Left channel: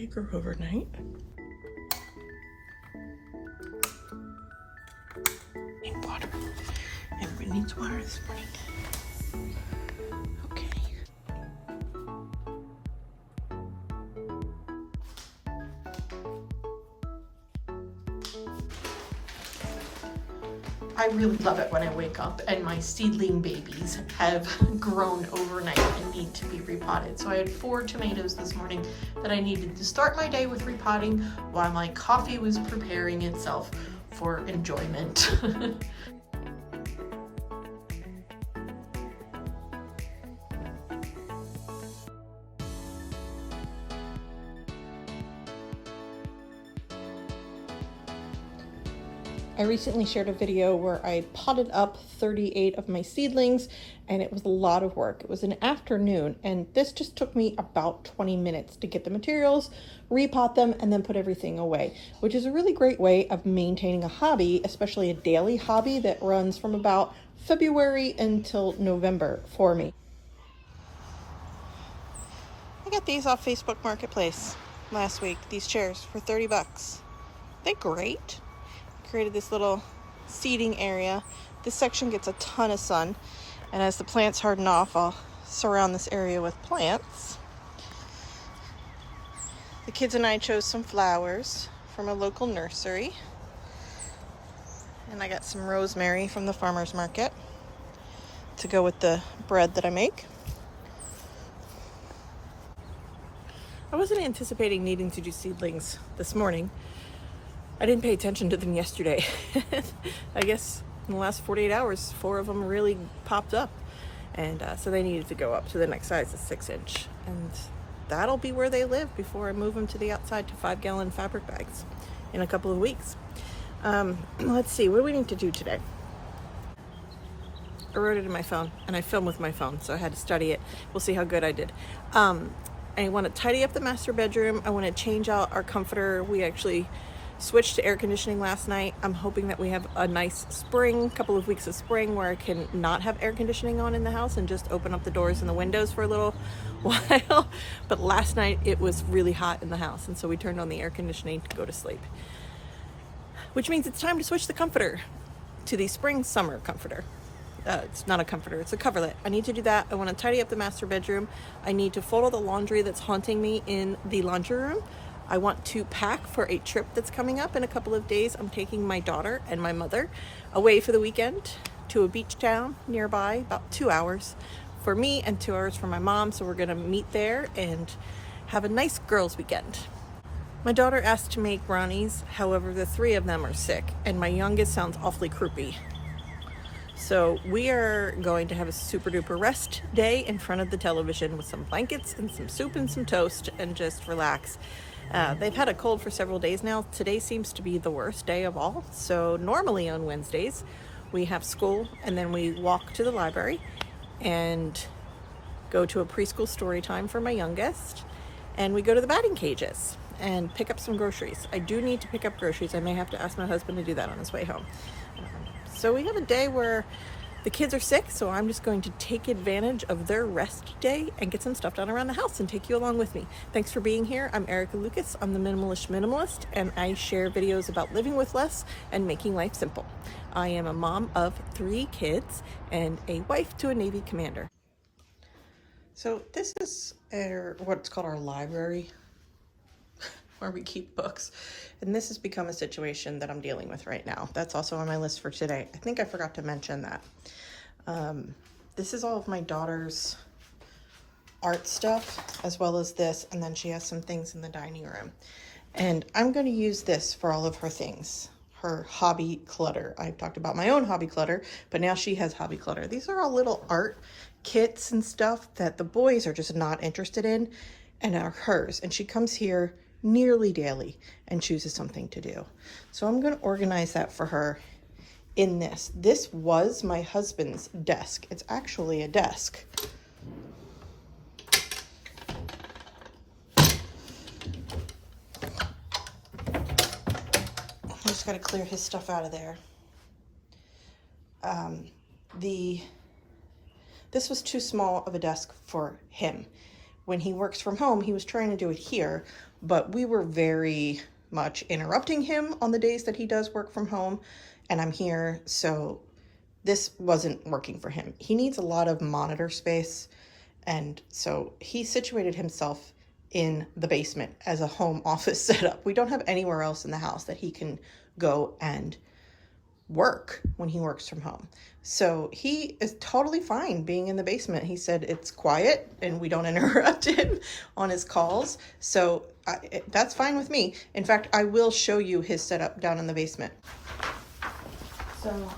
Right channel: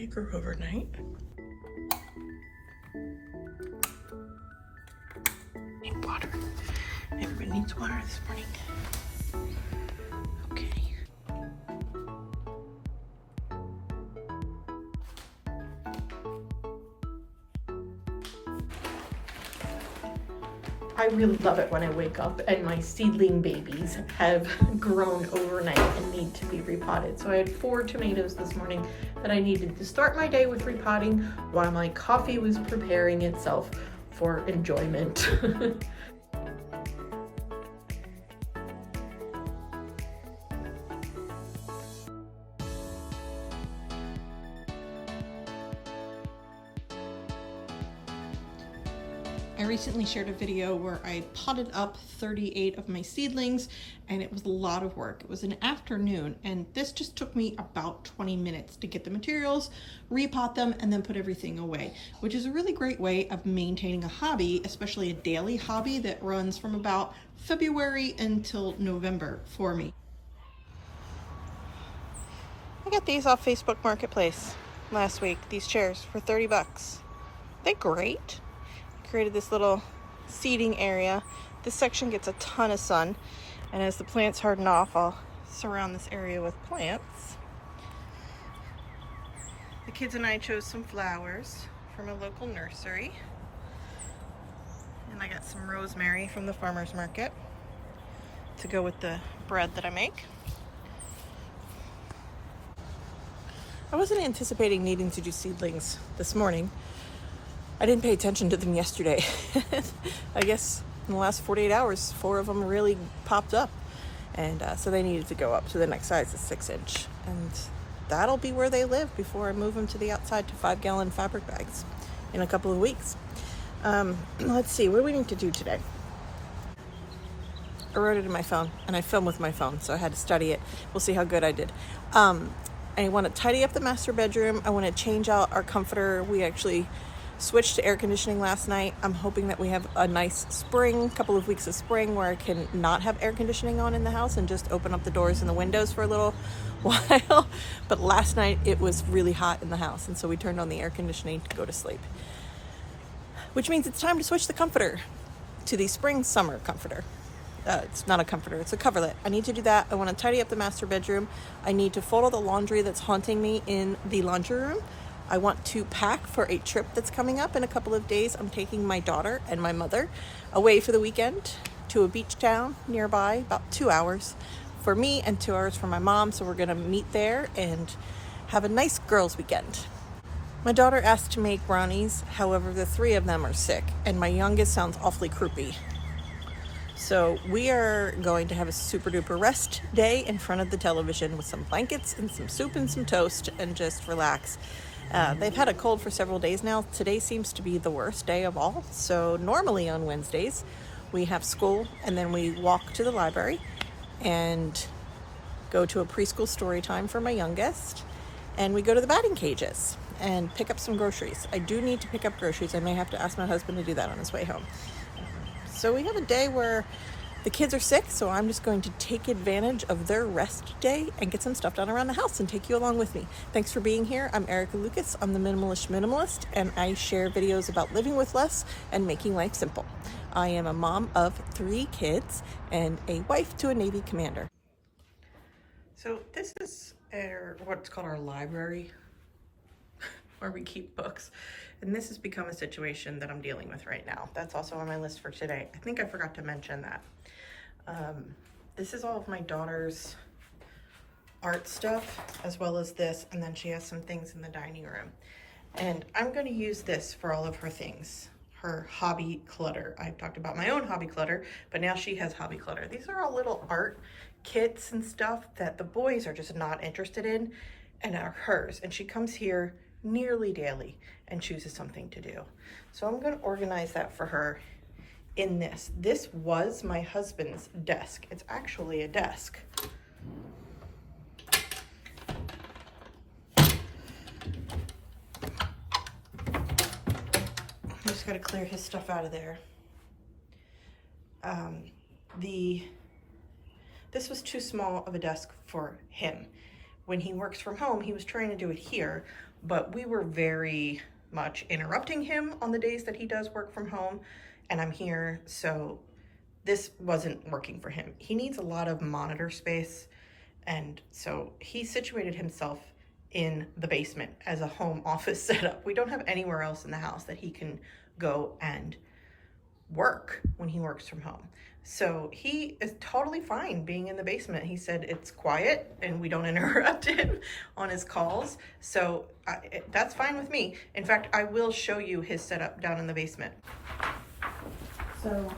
take her overnight. Need water. Everybody needs water this morning. Okay. I really love it when I wake up and my seedling babies have grown overnight and need to be repotted. So I had 4 tomatoes this morning that I needed to start my day with repotting while my coffee was preparing itself for enjoyment. I recently shared a video where I potted up 38 of my seedlings, and it was a lot of work. It was an afternoon, and this just took me about 20 minutes to get the materials, repot them, and then put everything away, which is a really great way of maintaining a hobby, especially a daily hobby that runs from about February until November for me. I got these off Facebook Marketplace last week, these chairs for 30 bucks. They're great. Created this little seating area. This section gets a ton of sun, and as the plants harden off, I'll surround this area with plants. The kids and I chose some flowers from a local nursery, and I got some rosemary from the farmer's market to go with the bread that I make. I wasn't anticipating needing to do seedlings this morning. I didn't pay attention to them yesterday. I guess in the last 48 hours, 4 of them really popped up. And so they needed to go up to the next size, is 6-inch. And that'll be where they live before I move them to the outside to 5-gallon fabric bags in a couple of weeks. Let's see, what do we need to do today? I wrote it in my phone, and I film with my phone, so I had to study it. We'll see how good I did. I want to tidy up the master bedroom. I want to change out our comforter. We actually switched to air conditioning last night. I'm hoping that we have a nice spring, couple of weeks of spring where I can not have air conditioning on in the house and just open up the doors and the windows for a little while. But last night it was really hot in the house, and so we turned on the air conditioning to go to sleep. Which means it's time to switch the comforter to the spring summer comforter. It's not a comforter, it's a coverlet. I need to do that. I want to tidy up the master bedroom. I need to fold all the laundry that's haunting me in the laundry room. I want to pack for a trip that's coming up in a couple of days. I'm taking my daughter and my mother away for the weekend to a beach town nearby, about 2 hours for me and 2 hours for my mom. So we're gonna meet there and have a nice girls' weekend. My daughter asked to make brownies, however, the 3 of them are sick, and my youngest sounds awfully croupy. So we are going to have a super duper rest day in front of the television with some blankets and some soup and some toast and just relax. They've had a cold for several days now. Today seems to be the worst day of all. So normally on Wednesdays, we have school and then we walk to the library and go to a preschool story time for my youngest. And we go to the batting cages and pick up some groceries. I do need to pick up groceries. I may have to ask my husband to do that on his way home. So we have a day where the kids are sick, so I'm just going to take advantage of their rest day and get some stuff done around the house and take you along with me. Thanks for being here. I'm Erica Lucas. I'm the Minimalist, and I share videos about living with less and making life simple. I am a mom of 3 kids and a wife to a Navy commander. So this is what's called our library, where we keep books. And this has become a situation that I'm dealing with right now. That's also on my list for today. I think I forgot to mention that. This is all of my daughter's art stuff, as well as this, and then she has some things in the dining room. And I'm gonna use this for all of her things, her hobby clutter. I've talked about my own hobby clutter, but now she has hobby clutter. These are all little art kits and stuff that the boys are just not interested in and are hers. And she comes here nearly daily and chooses something to do. So I'm gonna organize that for her in this. This was my husband's desk. It's actually a desk. I just gotta clear his stuff out of there. This was too small of a desk for him. When he works from home, he was trying to do it here, but we were very much interrupting him on the days that he does work from home and I'm here, so this wasn't working for him. He needs a lot of monitor space, and so he situated himself in the basement as a home office setup. We don't have anywhere else in the house that he can go and work when he works from home. So he is totally fine being in the basement. He said it's quiet and we don't interrupt him on his calls. So that's fine with me. In fact, I will show you his setup down in the basement. So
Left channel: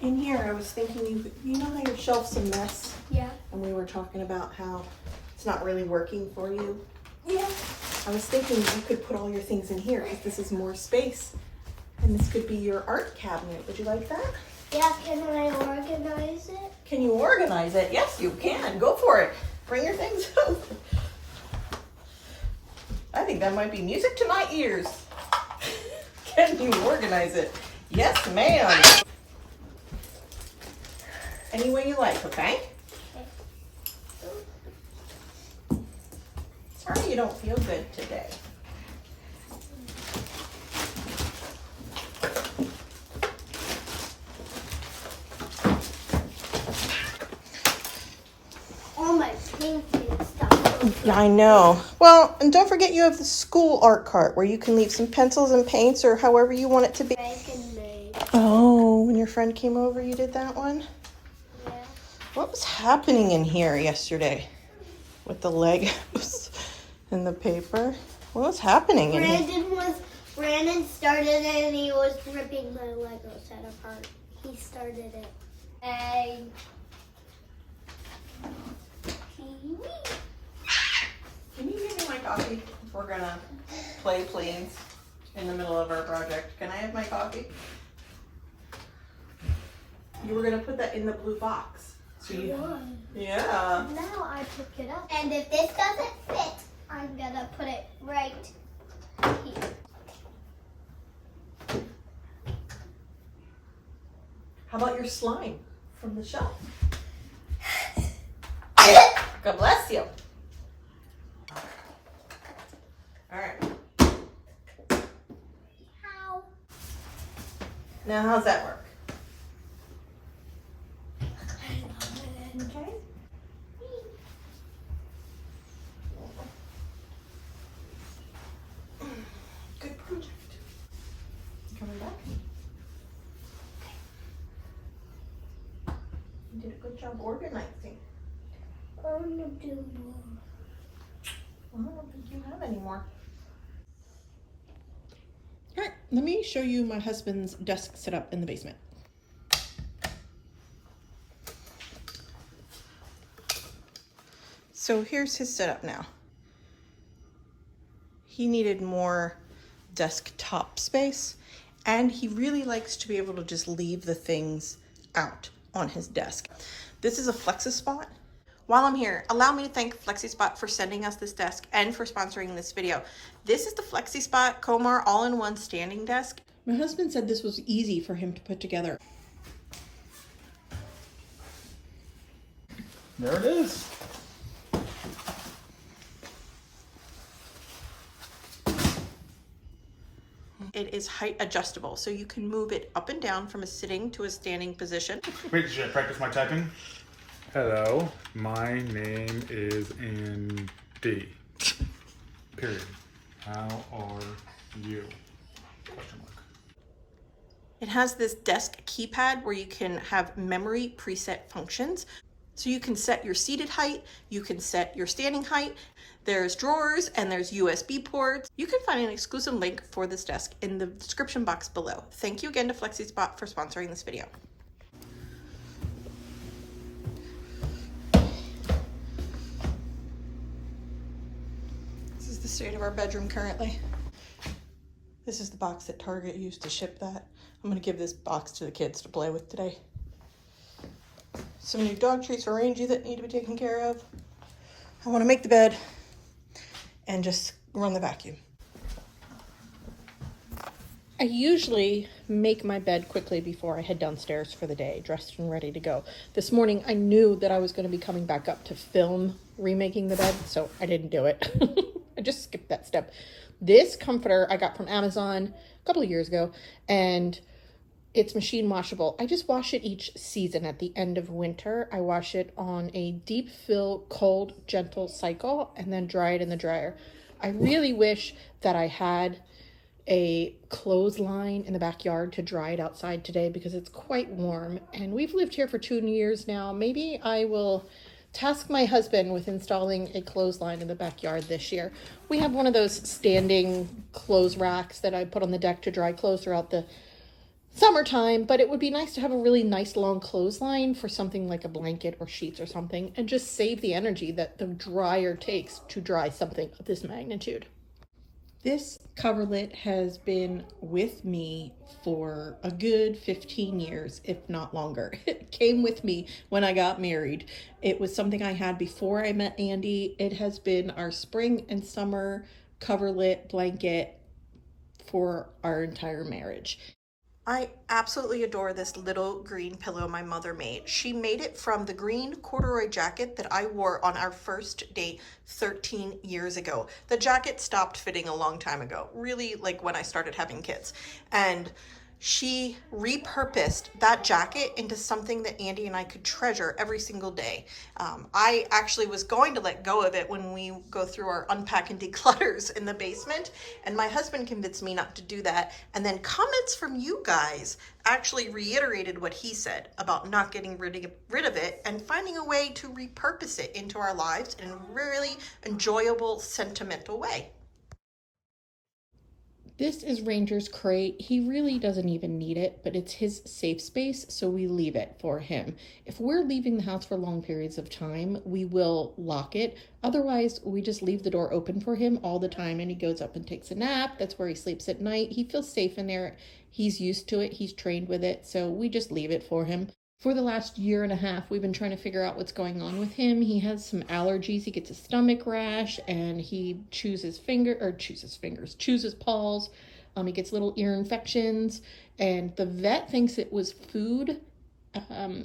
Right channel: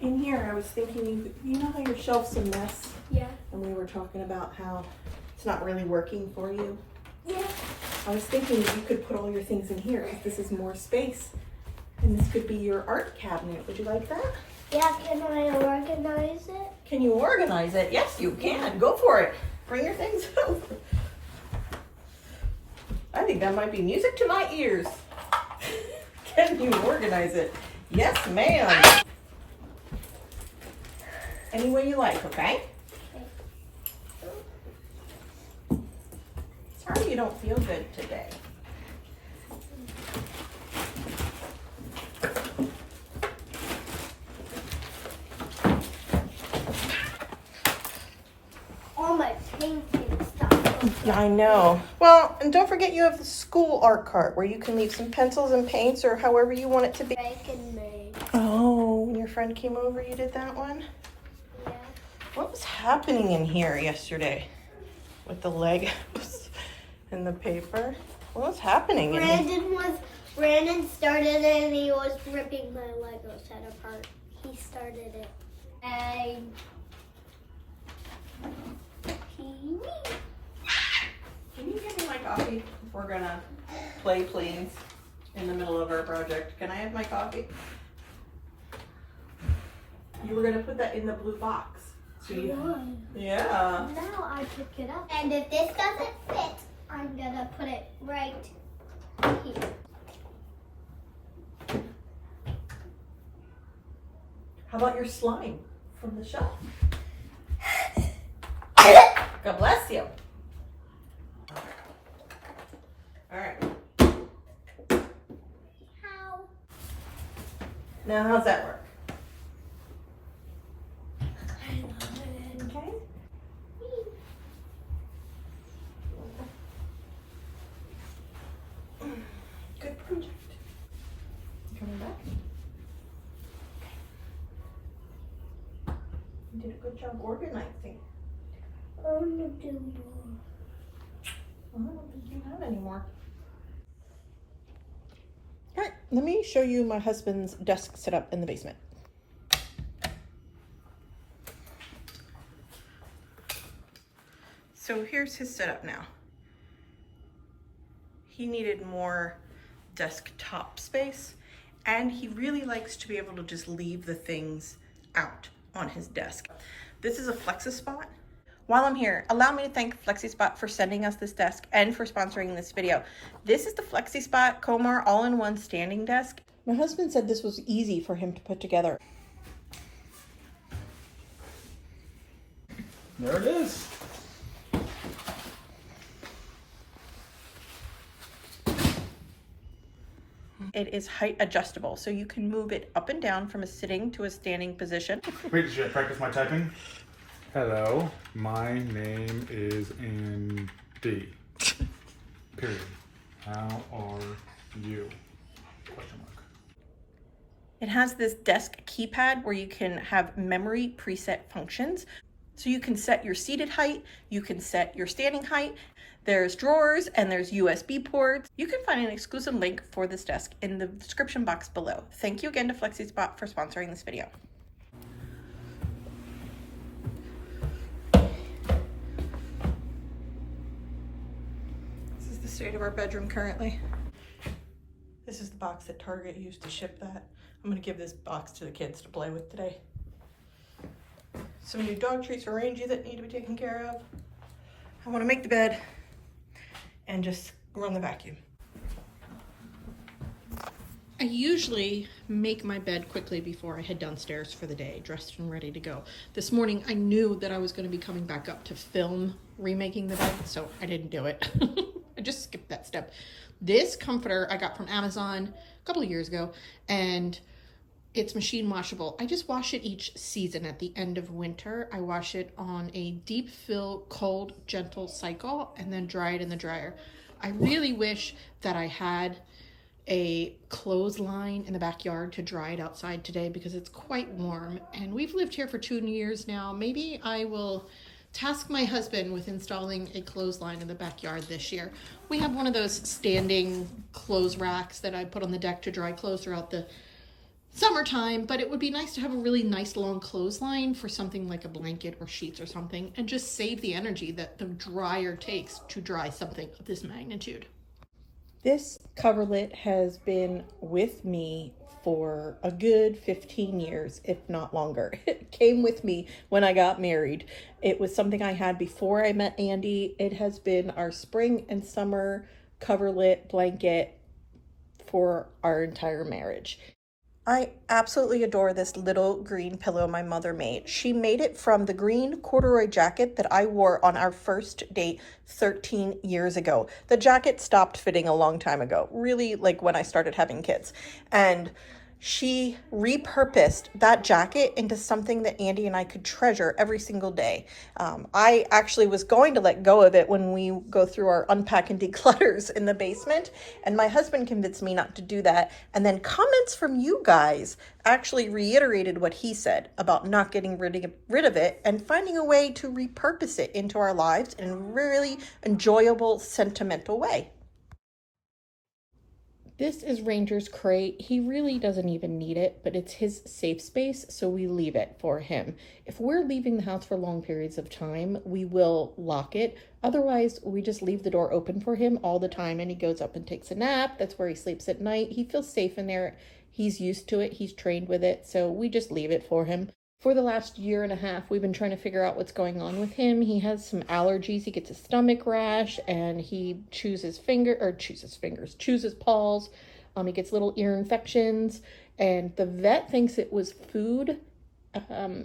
in here, I was thinking, you know how your shelf's a mess? Yeah. And we were talking about how it's not really working for you? Yeah. I was thinking you could put all your things in here because this is more space. And this could be your art cabinet. Would you like that? Yeah, can I organize it? Can you organize it? Yes, you can. Go for it. Bring your things over. I think that might be music to my ears. Can you organize it? Yes, ma'am. Any way you like, okay? Sorry you don't feel good today. All my painting stuff. Yeah, I know. Well, and don't forget you have the school art cart where you can leave some pencils and paints or however you want it to be. Make and made. Oh, when your friend came over, you did that one? Yeah. What was happening in here yesterday with the Legos and the paper? What was happening in here? Brandon started it and he was ripping my Lego set apart. He started it. And Can you give me my coffee if we're gonna play, please, in the middle of our project? Can I have my coffee? You were gonna put that in the blue box. So yeah. Now I pick it up. And if this doesn't fit, I'm gonna put it right here. How about your slime from the shelf? God bless you. All right. How? Now, how's that work? Okay. Good project. Coming back. You did a good job organizing. I want to do more. Well, I don't think you have any more. All right, let me show you my husband's desk setup in the basement. So here's his setup now. He needed more desktop space, and he really likes to be able to just leave the things out on his desk. This is a Flexispot. While I'm here, allow me to thank Flexispot for sending us this desk and for sponsoring this video. This is the Flexispot Comar all-in-one standing desk. My husband said this was easy for him to put together. There it is. It is height adjustable, so you can move it up and down from a sitting to a standing position. Wait, should I practice my typing? Hello, my name is Andy. Period. How are you? Question mark. It has this desk keypad where you can have memory preset functions. So you can set your seated height, you can set your standing height. There's drawers and there's USB ports. You can find an exclusive link for this desk in the description box below. Thank you again to Flexispot for sponsoring this video. This is the state of our bedroom currently. This is the box that Target used to ship that. I'm gonna give this box to the kids to play with today. Some new dog treats for Rangy that need to be taken care of. I wanna make the bed and just run the vacuum. I usually make my bed quickly before I head downstairs for the day, dressed and ready to go. This morning, I knew that I was going to be coming back up to film remaking the bed, so I didn't do it. I just skipped that step. This comforter I got from Amazon a couple of years ago, and it's machine washable. I just wash it each season. At the end of winter, I wash it on a deep fill, cold, gentle cycle, and then dry it in the dryer. I really wish that I had a clothesline in the backyard to dry it outside today because it's quite warm, and we've lived here for 2 years now. Maybe I will task my husband with installing a clothesline in the backyard this year. We have one of those standing clothes racks that I put on the deck to dry clothes throughout the summertime, but it would be nice to have a really nice long clothesline for something like a blanket or sheets or something, and just save the energy that the dryer takes to dry something of this magnitude. This coverlet has been with me for a good 15 years, if not longer. It came with me when I got married. It was something I had before I met Andy. It has been our spring and summer coverlet blanket for our entire marriage. I absolutely adore this little green pillow my mother made. She made it from the green corduroy jacket that I wore on our first date 13 years ago. The jacket stopped fitting a long time ago, really like when I started having kids. And she repurposed that jacket into something that Andy and I could treasure every single day. I actually was going to let go of it when we go through our unpack and declutters in the basement, and my husband convinced me not to do that. And then comments from you guys actually reiterated what he said about not getting rid of it and finding a way to repurpose it into our lives in a really enjoyable, sentimental way. This is Ranger's crate. He really doesn't even need it, but it's his safe space, so we leave it for him. If we're leaving the house for long periods of time, we will lock it. Otherwise, we just leave the door open for him all the time, and he goes up and takes a nap. That's where he sleeps at night. He feels safe in there. He's used to it. He's trained with it, so we just leave it for him. For the last year and a half, we've been trying to figure out what's going on with him. He has some allergies. He gets a stomach rash, and he chews his paws. He gets little ear infections, and the vet thinks it was food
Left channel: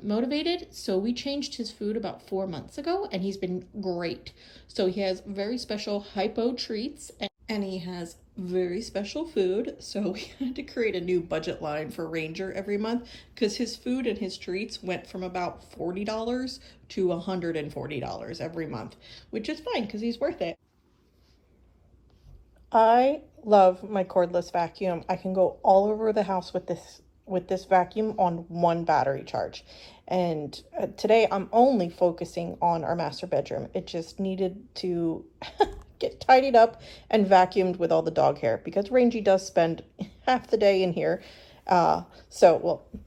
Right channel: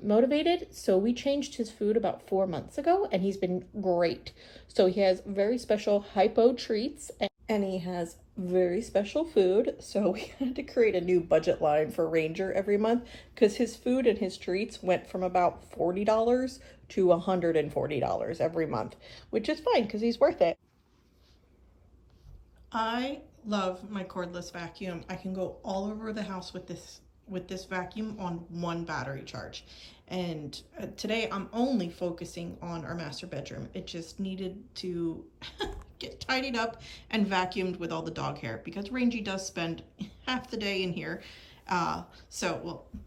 motivated. So we changed his food about 4 months ago, and he's been great. So he has very special hypo treats, and he has very special food. So we had to create a new budget line for Ranger every month because his food and his treats went from about $40 to $140 every month, which is fine because he's worth it. I love my cordless vacuum. I can go all over the house with this vacuum on one battery charge. And today I'm only focusing on our master bedroom. It just needed to get tidied up and vacuumed with all the dog hair because Rangy does spend half the day in here. The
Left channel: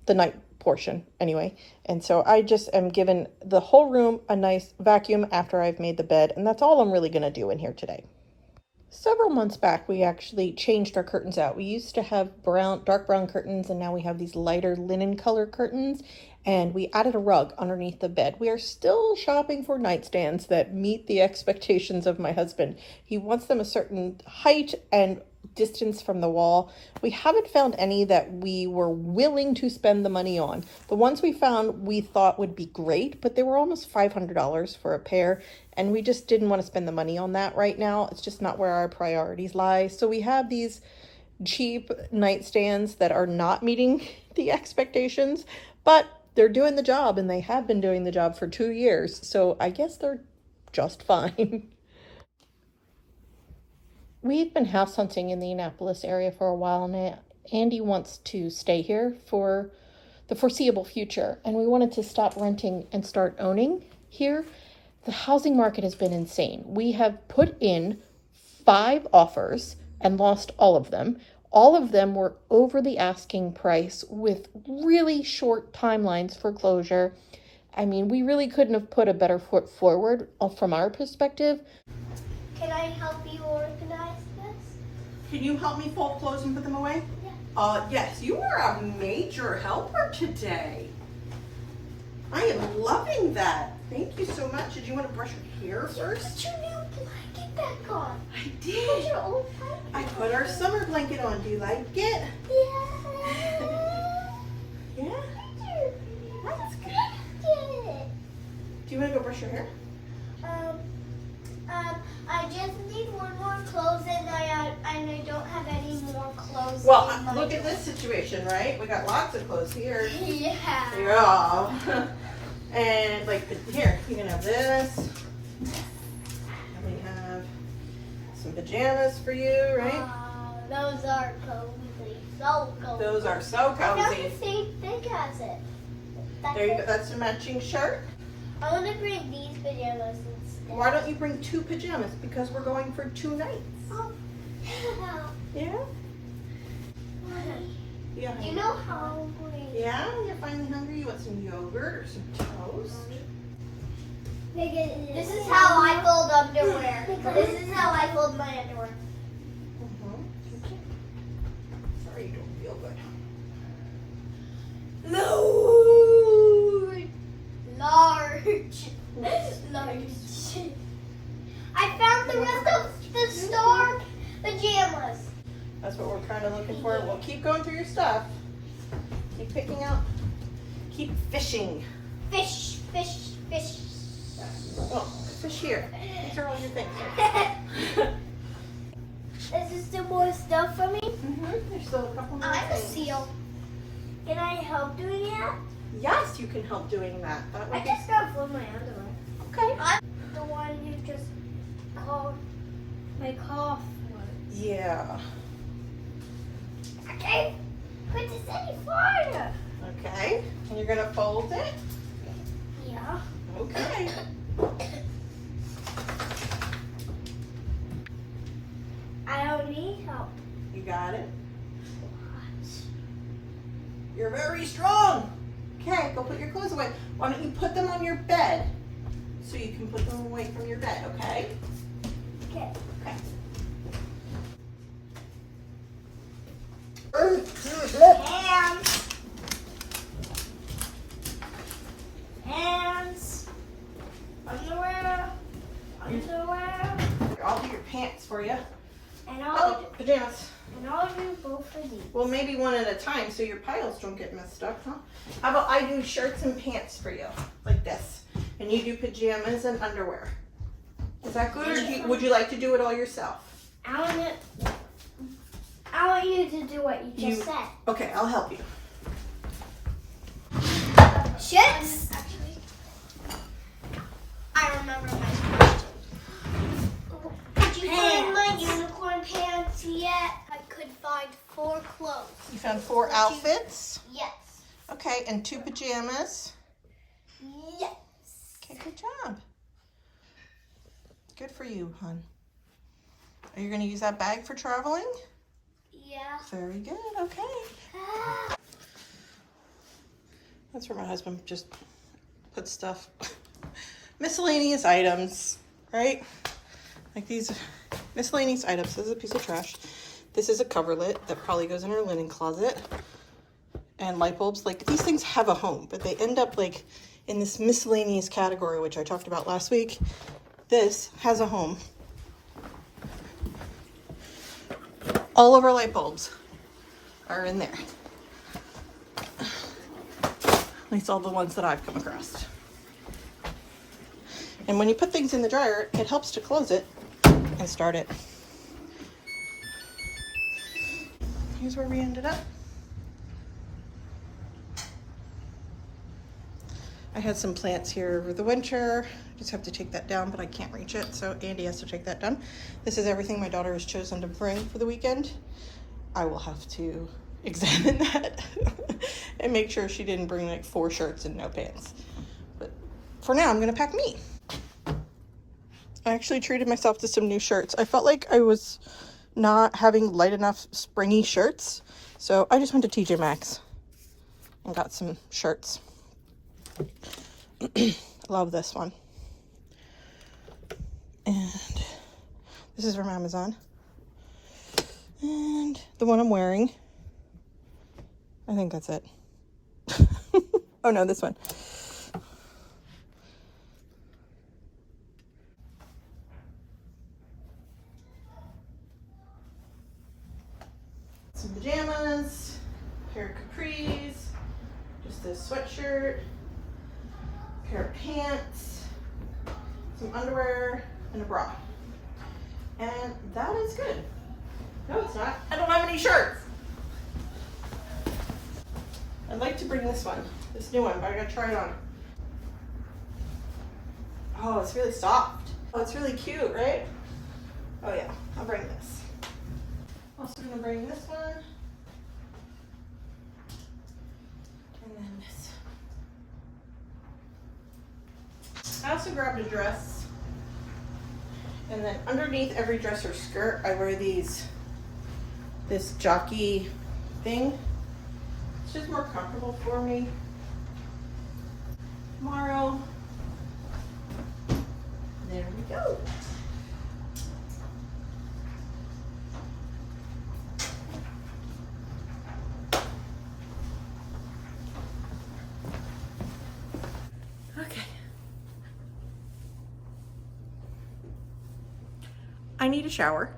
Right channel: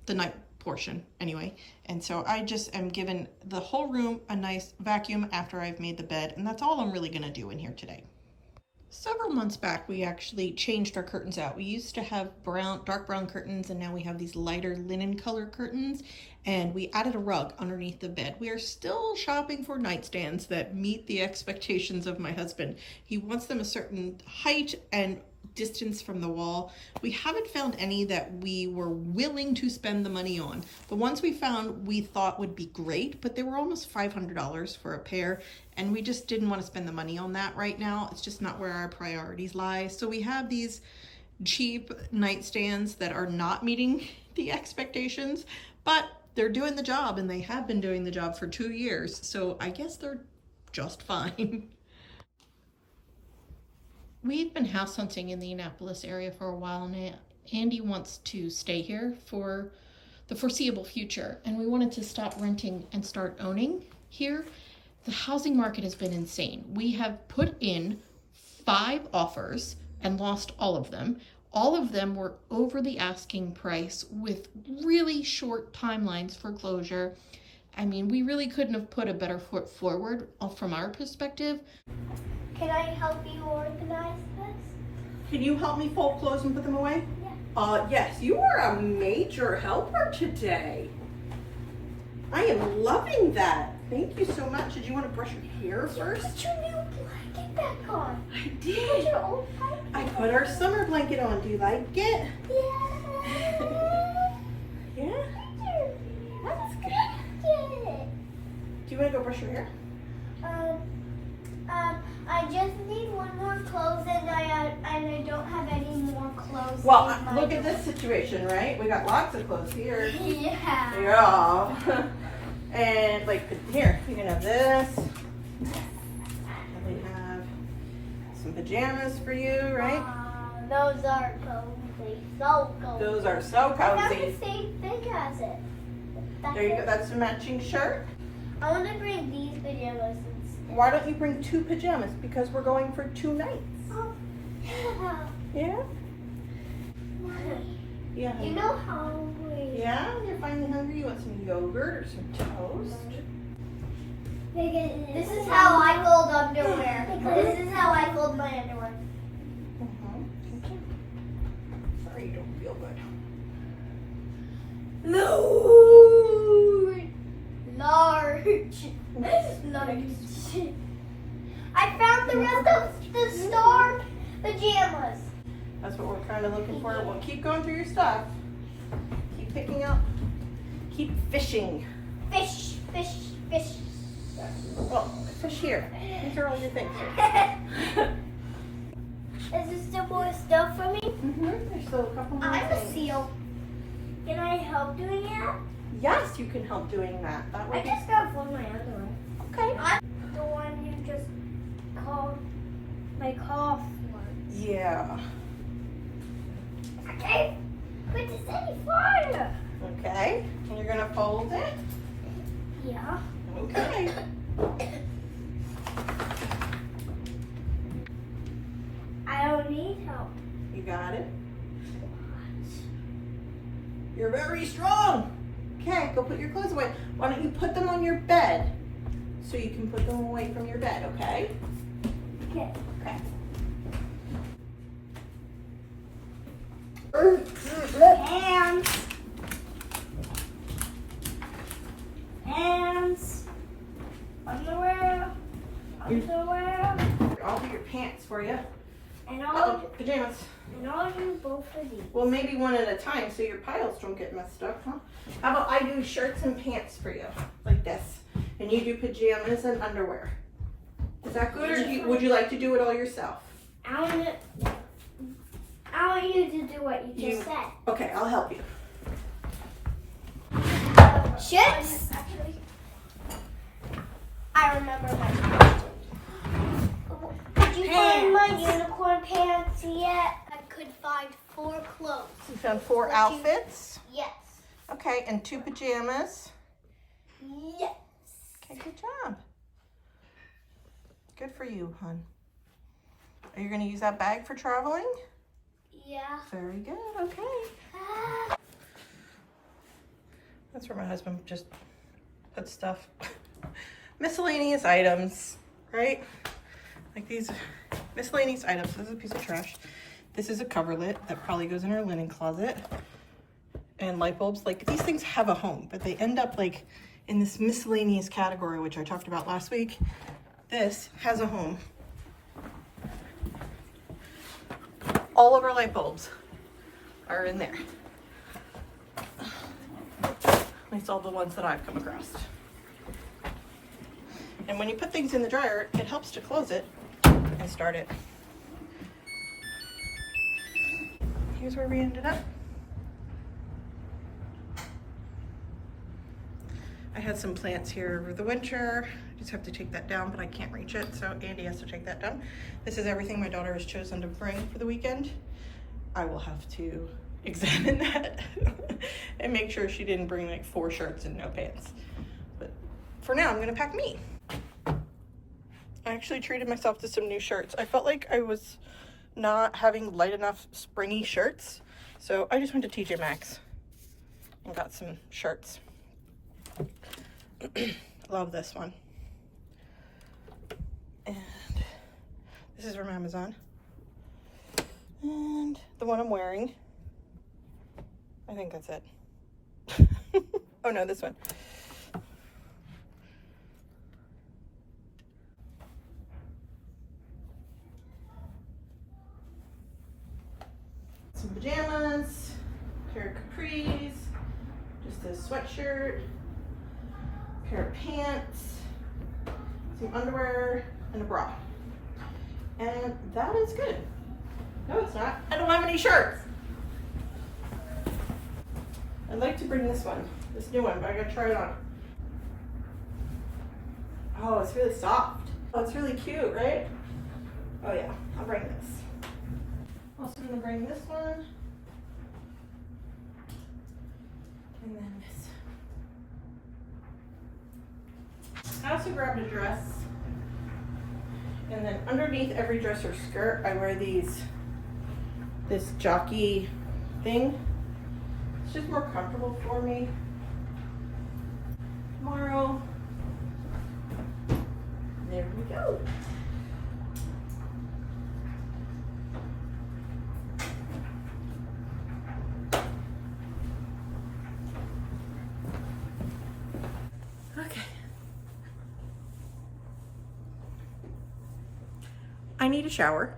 night portion anyway. And so I just am giving the whole room a nice vacuum after I've made the bed. And that's all I'm really going to do in here today. Several months back, we actually changed our curtains out. We used to have dark brown curtains, and now we have these lighter linen color curtains, and we added a rug underneath the bed. We are still shopping for nightstands that meet the expectations of my husband. He wants them a certain height and distance from the wall. We haven't found any that we were willing to spend the money on. The ones we found we thought would be great, but they were almost $500 for a pair, and we just didn't want to spend the money on that right now. It's just not where our priorities lie. So we have these cheap nightstands that are not meeting the expectations, but they're doing the job, and they have been doing the job for 2 years. So I guess they're just fine. We've been house hunting in the Annapolis area for a while now. Andy wants to stay here for the foreseeable future, and we wanted to stop renting and start owning here. The housing market has been insane. We have put in 5 offers and lost all of them. All of them were over the asking price with really short timelines for closure. I mean, we really couldn't have put a better foot forward from our perspective. Can I help you organize this? Can you help me fold clothes and put them away? Yeah. Yes, you are a major helper today. I am loving that. Thank you so much. Did you want to brush your hair first? Put your new blanket back on. I Put did. your old blanket. I put our summer blanket on. Do you like it? Yeah. Yeah? That's good. Good. Do you want to go brush your hair? I just need one more Well, look at this situation, right? We got lots of clothes here. Yeah. Yeah. And like here, you can have this. And we have some pajamas for you, right? Those are cozy. So cozy. Those are so I got the cozy. same thing as it. There you go. That's a matching shirt. I want to bring these pajamas instead. Why don't you bring 2 pajamas? Because we're going for 2 nights. Oh, yeah. Yeah? Mommy, Yeah. you know hungry. Yeah? You're finally hungry? You want some yogurt or some toast? This is how I fold underwear. This is how I fold my underwear. Okay. Sorry you don't feel good. Large. I found the rest of the store pajamas. That's what we're kind of looking for. We'll keep going through your stuff. Keep picking out. Keep fishing. Fish, fish, fish. Well, fish here. These are all your things. Is there still more stuff for me? There's still a couple more I'm a things. seal. Can I help doing that? Yes, you can help doing that. That I would be just got fold my underwear. okay. I'm the one who just called my cough once. Yeah. Okay, but it's any farther. Okay. And you're gonna fold it. Yeah. Okay. I don't need help. You got it. You're very strong. Okay, go put your clothes away. Why don't you put them on your bed so you can put them away from your bed, okay? Okay. Hands. Hands. Underwear. Underwear. I'll do your pants for you. And Oh, pajamas. I'll do both of these. Well, maybe one at a time so your piles don't get messed up, huh? How about I do shirts and pants for you, like this, and you do pajamas and underwear. Is that good, or would you like to do it all yourself? I want you to do what you just said. Okay, I'll help you. Shirts. I remember my question. Did you find my unicorn pants yet? I could find 4 clothes. You found 4 outfits. Yes. Okay, and 2 pajamas. Yes. Okay, good job. Good for you, hon. Are you going to use that bag for traveling? Yeah. Very good, okay. That's where my husband just puts stuff. Miscellaneous items, right? Like these miscellaneous items. This is a piece of trash. This is a coverlet that probably goes in our linen closet. And light bulbs. Like, these things have a home, but they end up like in this miscellaneous category, which I talked about last week. This has a home. All of our light bulbs are in there. At least all the ones that I've come across. And when you put things in the dryer, it helps to close it and start it. Here's where we ended up. I had some plants here over the winter. I just have to take that down, but I can't reach it, so Andy has to take that down. This is everything my daughter has chosen to bring for the weekend. I will have to examine that and make sure she didn't bring like 4 shirts and no pants. But for now, I'm gonna pack me. I actually treated myself to some new shirts. I felt like I was not having light enough springy shirts, so I just went to TJ Maxx and got some shirts. Love this one. And this is from Amazon. And the one I'm wearing, I think that's it. Oh no, this one. Some pajamas, pair of capris, just a sweatshirt, pair of pants, some underwear, and a bra. And that is good. No, it's not. I don't have any shirts. I'd like to bring this new one, but I gotta try it on. Oh, it's really soft. Oh, it's really cute, right? Oh yeah, I'll bring this. Also gonna bring this one. And then this. I also grabbed a dress. And then underneath every dress or skirt, I wear this jockey thing. It's just more comfortable for me. Tomorrow, there we go. Okay. I need a shower.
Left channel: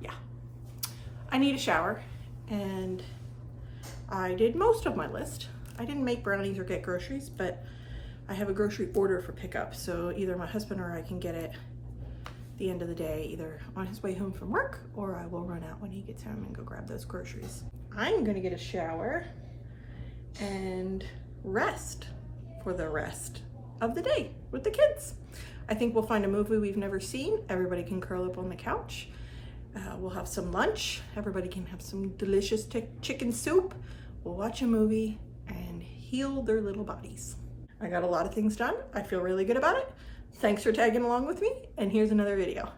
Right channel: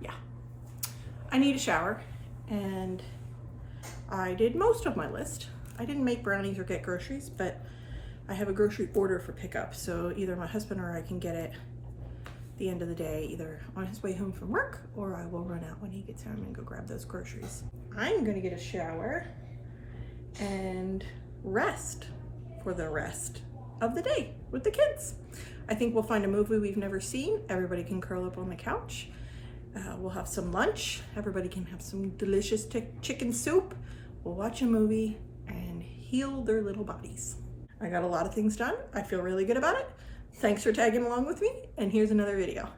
Yeah. I need a shower, and I did most of my list. I didn't make brownies or get groceries, but I have a grocery order for pickup, so either my husband or I can get it at the end of the day, either on his way home from work, or I will run out when he gets home and go grab those groceries. I'm gonna get a shower and rest for the rest of the day with the kids. I think we'll find a movie we've never seen. Everybody can curl up on the couch. We'll have some lunch. Everybody can have some delicious chicken soup. We'll watch a movie and heal their little bodies. I got a lot of things done. I feel really good about it. Thanks for tagging along with me, and here's another video.